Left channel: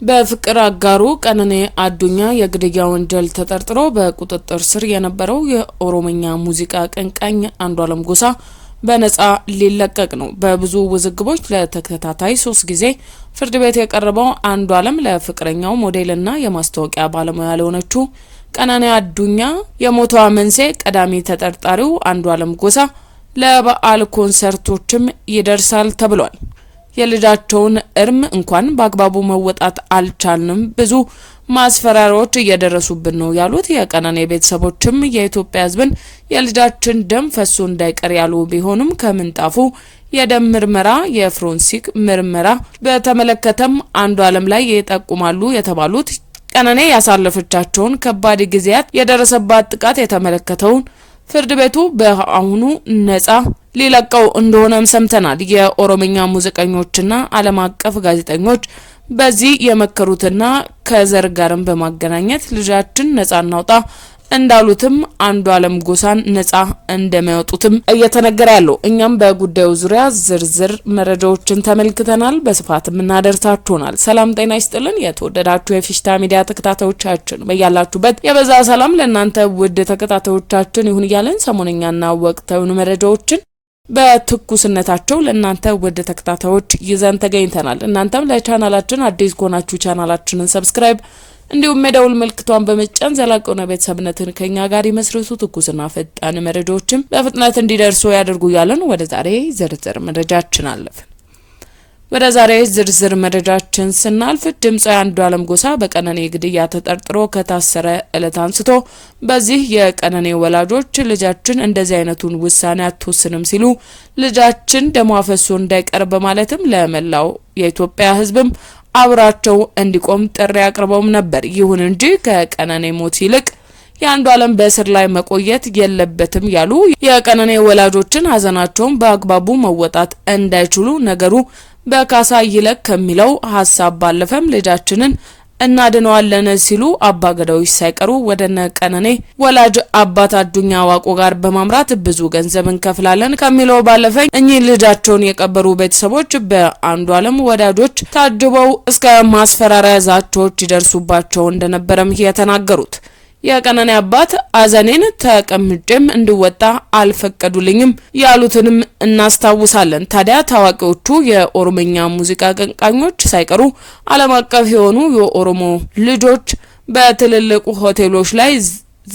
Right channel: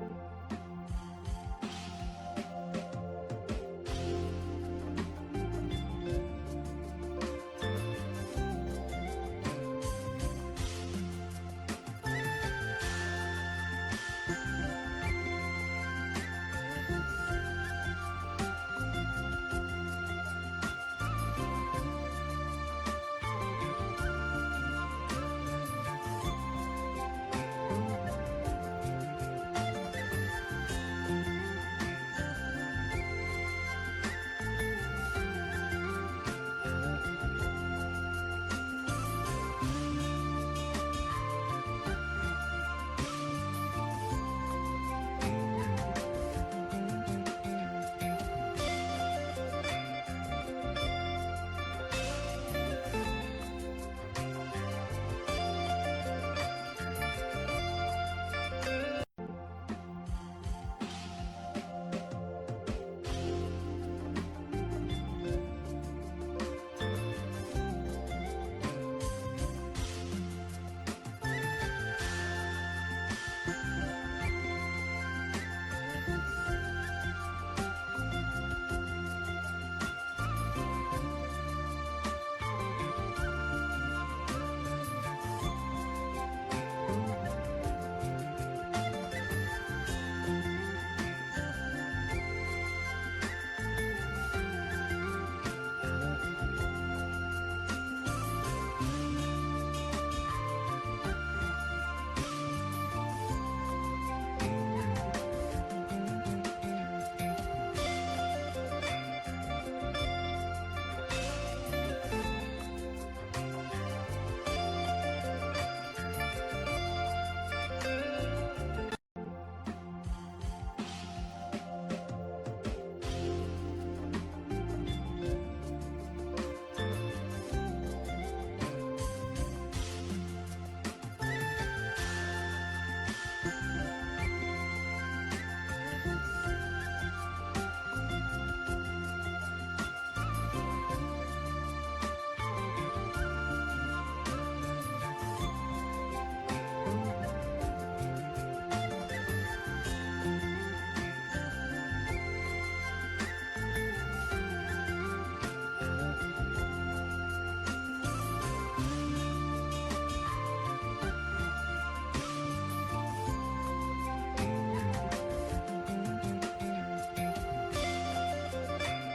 በፍቅር አጋሩ ቀነኔ አዱኛ የግድያ ወንጀል ተጠርጥሮ በቁጥጥር ስር የነበረው የኦሮምኛ ሙዚቃ አቀንቃኝ አንዱዓለም ጎሳ በነጻ ሊለቀቅ ነው። በብዙ ውዝግቦች ለተከታታይ 3 ጊዜ ፍርድ ቤት የቀረበው አንዱዓለም ለፍቅረኛው ሞዴልና የማስታወቂያ ባለሙያ ለሆነችው ቀነኔ አዱኛ የሞቷ መንስኤ ቀዳሚ ተጠርጣሪው አንዱዓለም ጎሳ ለበዓል ኮንሰርቶችም ይደርሳል ተብሏል። የልጃቸውን እርም እንኳን በአግባቡ መወጣት አልቻልንም፣ ብዙ ማስፈራሪያዎች እየደረሱብን ነው ያሉት የቀነኔ ቤተሰቦችም የኢትዮጵያ ሕዝብን የልጃችን ደም ፈሶ እንዳይቀር ያሉ ቢሆንም ከምንጣፉ የደም ምርመራ የፎረንሲክ ምርመራ በተመለከተም አንዱዓለም ላይ ይጠቁማሉ የተባሉት ቀነኔ ያሳለፈቻቸውን ከባድ ጊዜያት የደረሰባት ጥቃት የተመለከተውን ፍርድ ቤቱ በአሁኑ ነጻ ሊለቀው እንደሆነም ሰምተናል። የኦሮምኛ ሙዚቀኞችና ዓለም አቀፍ ጋዜጠኞች በዚህ የመከሩትና ከዘር ጋርም በማገናኘት ልጃችን ነጻ እናውጣ እንዳሉትም አንዱዓለም ጎሳን ነጻ እንደሚያወጡትም እየተነገረ ያለው። እኛም በጉዳዩ ዙሪያ ዝርዝር መረጃዎችን ተመልክተናል፣ በስፋትም እናደርሳችኋል። ሰላም ጤና ይስጥልን የተወደዳችሁ የፊሽታ ሚዲያ ተከታታዮቻችን፣ በያላችሁበት የበዛ ሰላም ለእናንተ ውድ ተከታታዮቻችን ይሁን እያለን ሰሞነኛና ወቅታዊ መረጃዎችን በትኩስነታቸው ለእናንተ ውድ ተከታታዮች ይዘን ተገኝተናል። እናንተም ለቻናላችን አዲስ ከሆናችሁ ቻናላችንን ሰብስክራይብ እንዲሁም የደውል ምልክቷን በመጫን ዘላቂውን ቤተሰብነትን ከኛ ጋር ይመስርቱ። ትኩስና ፈጣን መረጃዎችን በፍጥነት እንዲደርሱ ያደርጉ ያለን ወደ ዛሬ ዝርዝር መረጃችን አለፈ። ወደ ዛሬ ዝርዝር መረጃችን ስናልፍ ድምጻዊ አንዱዓለም ጎሳ በቀነኔ ግድያ ተጠርጥሮ ከታሰረ ዕለት አንስቶ በዚህ የቀነኔ ወላጆች ልጃችን እንደዚህ አይነቱን ውሳኔ አትወስንም ሲሉ ልጃችን ደሟ ፈሶ እንዳይቀር በማለትም ለመላው የኢትዮጵያ ሕዝብም አብራቸው እንዲቆም ጥሪ አቅርበውም ነበር። ይሁን እንጂ ከቀነኔ ሞት ይልቅ የአንዱዓለም በእስር ላይ መቆየት የለበትም ያሉ የቀነኔ ወላጆችን ሀዘናቸውን በአግባቡ መወጣት እንዳይችሉ ነገሩ በካሳ ይለቅ ከሚለው ሀሳብ ባለፈም ልጃችንን እናድነዋለን ሲሉ አባገዳዎች ሳይቀሩ ወደነ ቀነኔ ወላጅ አባት አዱኛ ዋቆ ጋር በማምራት ብዙ ገንዘብ እንከፍላለን ከሚለው ባለፈ እኚህ ልጃቸውን የቀበሩ ቤተሰቦች በአንዱዓለም ወዳጆች ታጅበው እስከ ማስፈራሪያ ዛቻዎች ይደርሱባቸው እንደነበረም የተናገሩት የቀነኔ አባት አዘኔን ተቀምጬም እንድወጣ አልፈቀዱልኝም ያሉትንም እናስታውሳለን። ታዲያ ታዋቂዎቹ የኦሮምኛ ሙዚቃ አቀንቃኞች ሳይቀሩ ዓለም አቀፍ የሆኑ የኦሮሞ ልጆች በትልልቅ ሆቴሎች ላይ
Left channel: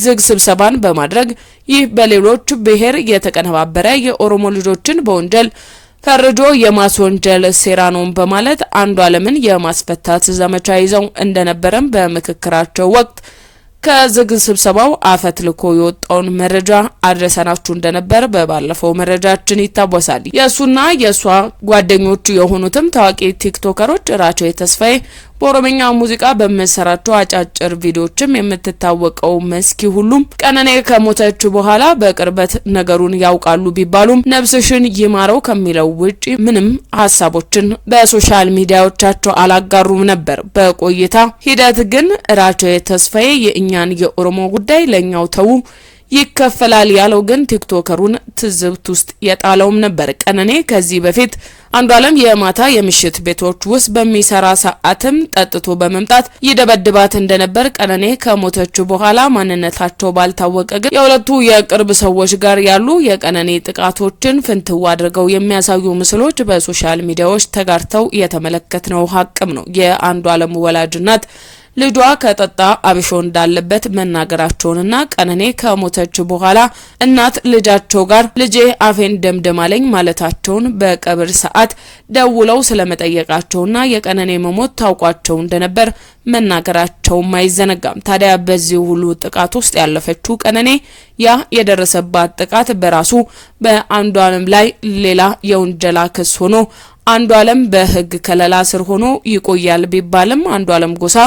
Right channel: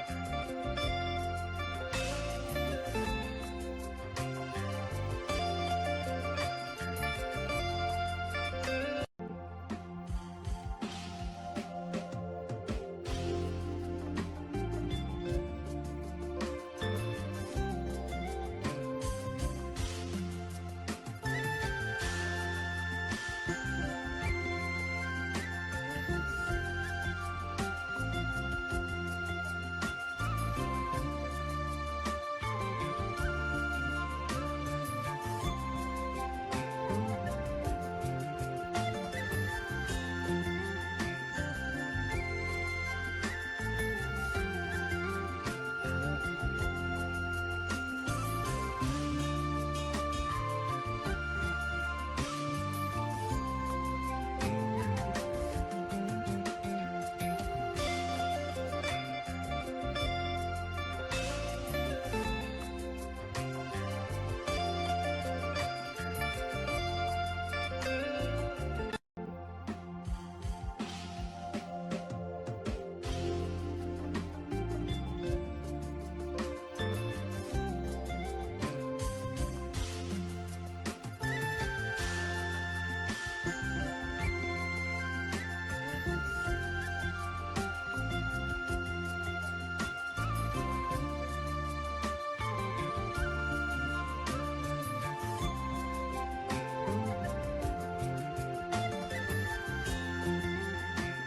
ዝግ ስብሰባን በማድረግ ይህ በሌሎች ብሔር የተቀነባበረ የኦሮሞ ልጆችን በወንጀል ፈርጆ የማስወንጀል ሴራ ነው በማለት አንዱዓለምን የማስፈታት ዘመቻ ይዘው እንደነበረም በምክክራቸው ወቅት ከዝግ ስብሰባው አፈትልኮ የወጣውን መረጃ አድረሰናችሁ እንደነበር በባለፈው መረጃችን ይታወሳል። የሱና የሷ ጓደኞቹ የሆኑትም ታዋቂ ቲክቶከሮች ራቼ ተስፋዬ በኦሮምኛ ሙዚቃ በመሰራቸው አጫጭር ቪዲዮዎችም የምትታወቀው መስኪ ሁሉም ቀነኔ ከሞተች በኋላ በቅርበት ነገሩን ያውቃሉ ቢባሉም ነፍስሽን ይማረው ከሚለው ውጪ ምንም ሀሳቦችን በሶሻል ሚዲያዎቻቸው አላጋሩም ነበር። በቆይታ ሂደት ግን ራቼ ተስፋዬ የእኛን የኦሮሞ ጉዳይ ለኛው ተው ይከፈላል ያለው ግን ቲክቶከሩን ትዝብት ውስጥ የጣለውም ነበር። ቀነኔ ከዚህ በፊት አንዱዓለም የማታ የምሽት ቤቶች ውስጥ በሚሰራ ሰዓትም ጠጥቶ በመምጣት ይደበድባት እንደነበር ቀነኔ ከሞተች በኋላ ማንነታቸው ባልታወቀ ግን የሁለቱ የቅርብ ሰዎች ጋር ያሉ የቀነኔ ጥቃቶችን ፍንትው አድርገው የሚያሳዩ ምስሎች በሶሻል ሚዲያዎች ተጋርተው የተመለከትነው ሀቅም ነው። የአንዱዓለም ወላጅ እናት ልጇ ከጠጣ አብሾ እንዳለበት መናገራቸውንና ቀነኔ ከሞተች በኋላ እናት ልጃቸው ጋር ልጄ አፌን ደምደማለኝ ማለታቸውን በቀብር ሰዓት ደውለው ስለመጠየቃቸውና የቀነኔ መሞት ታውቋቸው እንደነበር መናገራቸውም አይዘነጋም። ታዲያ በዚህ ሁሉ ጥቃት ውስጥ ያለፈችው ቀነኔ ያ የደረሰባት ጥቃት በራሱ በአንዱዓለም ላይ ሌላ የወንጀላ ክስ ሆኖ አንዱዓለም በሕግ ከለላ ስር ሆኖ ይቆያል ቢባልም አንዱዓለም ጎሳ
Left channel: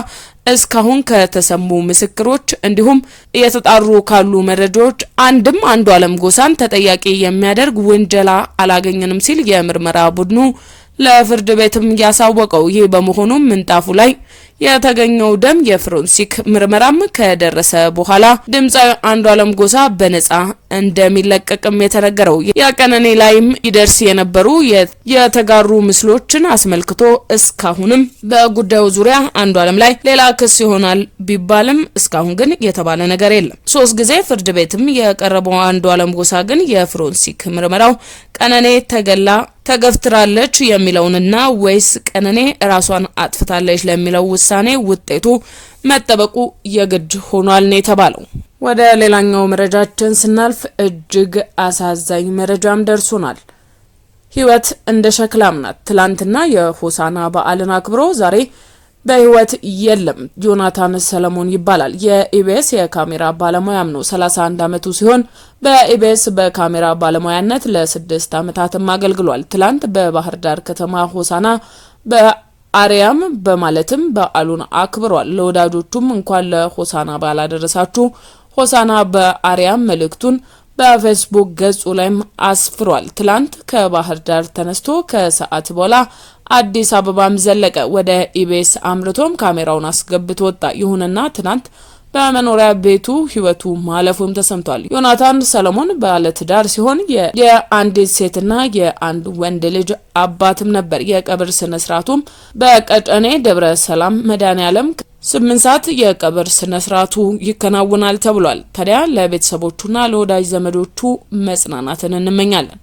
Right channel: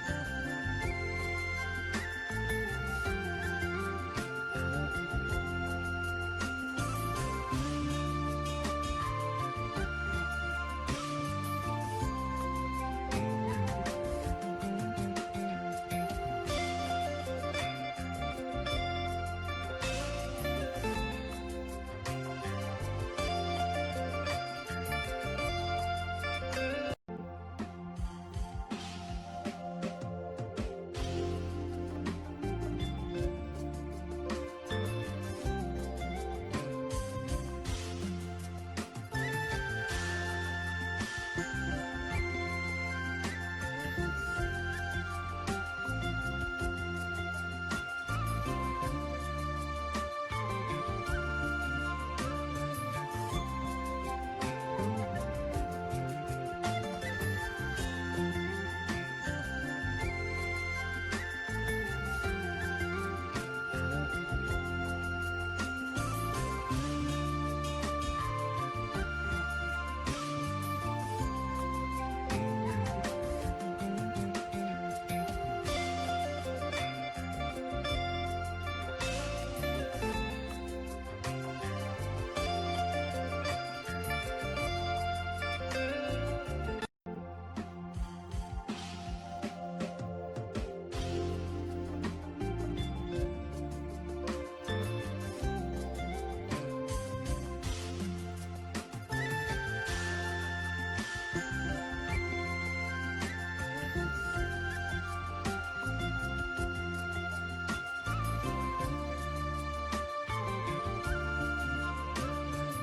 እስካሁን ከተሰሙ ምስክሮች እንዲሁም እየተጣሩ ካሉ መረጃዎች አንድም አንዱዓለም ጎሳን ተጠያቂ የሚያደርግ ወንጀላ አላገኘንም ሲል የምርመራ ቡድኑ ለፍርድ ቤትም ያሳወቀው። ይህ በመሆኑ ምንጣፉ ላይ የተገኘው ደም የፎረንሲክ ምርመራም ከደረሰ በኋላ ድምፃዊ አንዱዓለም ጎሳ በነጻ እንደሚለቀቅም የተነገረው የቀነኔ ላይም ይደርስ የነበሩ የተጋሩ ምስሎችን አስመልክቶ እስካሁንም በጉዳዩ ዙሪያ አንዱዓለም ላይ ሌላ ክስ ይሆናል ቢባልም እስካሁን ግን የተባለ ነገር የለም። 3 ጊዜ ፍርድ ቤትም የቀረበው አንዱዓለም ጎሳ ግን የፎረንሲክ ምርመራው ቀነኔ ተገፍትራለች የሚለውንና ወይስ ቀነኔ ራሷን አጥፍታለች ለሚለው ውሳኔ ውጤቱ መጠበቁ የግድ ሆኗል ነው የተባለው። ወደ ሌላኛው መረጃችን ስናልፍ እጅግ አሳዛኝ መረጃም ደርሶናል። ህይወት እንደ ሸክላም ናት። ትላንትና የሆሳና በዓልን አክብሮ ዛሬ በህይወት የለም። ዮናታን ሰለሞን ይባላል። የኢቢኤስ የካሜራ ባለሙያም ነው። 31 አመቱ ሲሆን በኢቢኤስ በካሜራ ባለሙያነት ለ6 አመታትም አገልግሏል። ትላንት በባህር ዳር ከተማ ሆሳና በአርያም በማለትም በዓሉን አክብሯል። ለወዳጆቹም እንኳን ለሆሳና በዓል አደረሳችሁ፣ ሆሳና በአርያም መልእክቱን በፌስቡክ ገጹ ላይም አስፍሯል። ትላንት ከባህር ዳር ተነስቶ ከሰዓት በኋላ አዲስ አበባም ዘለቀ። ወደ ኢቢኤስ አምርቶም ካሜራውን አስገብቶ ወጣ። ይሁንና ትናንት በመኖሪያ ቤቱ ህይወቱ ማለፉም ተሰምቷል። ዮናታን ሰለሞን ባለትዳር ሲሆን የአንዲት ሴትና የአንድ ወንድ ልጅ አባትም ነበር። የቀብር ስነ ስርዓቱም በቀጨኔ ደብረ ሰላም መድኃኔዓለም 8 ሰዓት የቀብር ስነ ስርዓቱ ይከናወናል ተብሏል። ታዲያ ለቤተሰቦቹና ለወዳጅ ዘመዶቹ መጽናናትን እንመኛለን።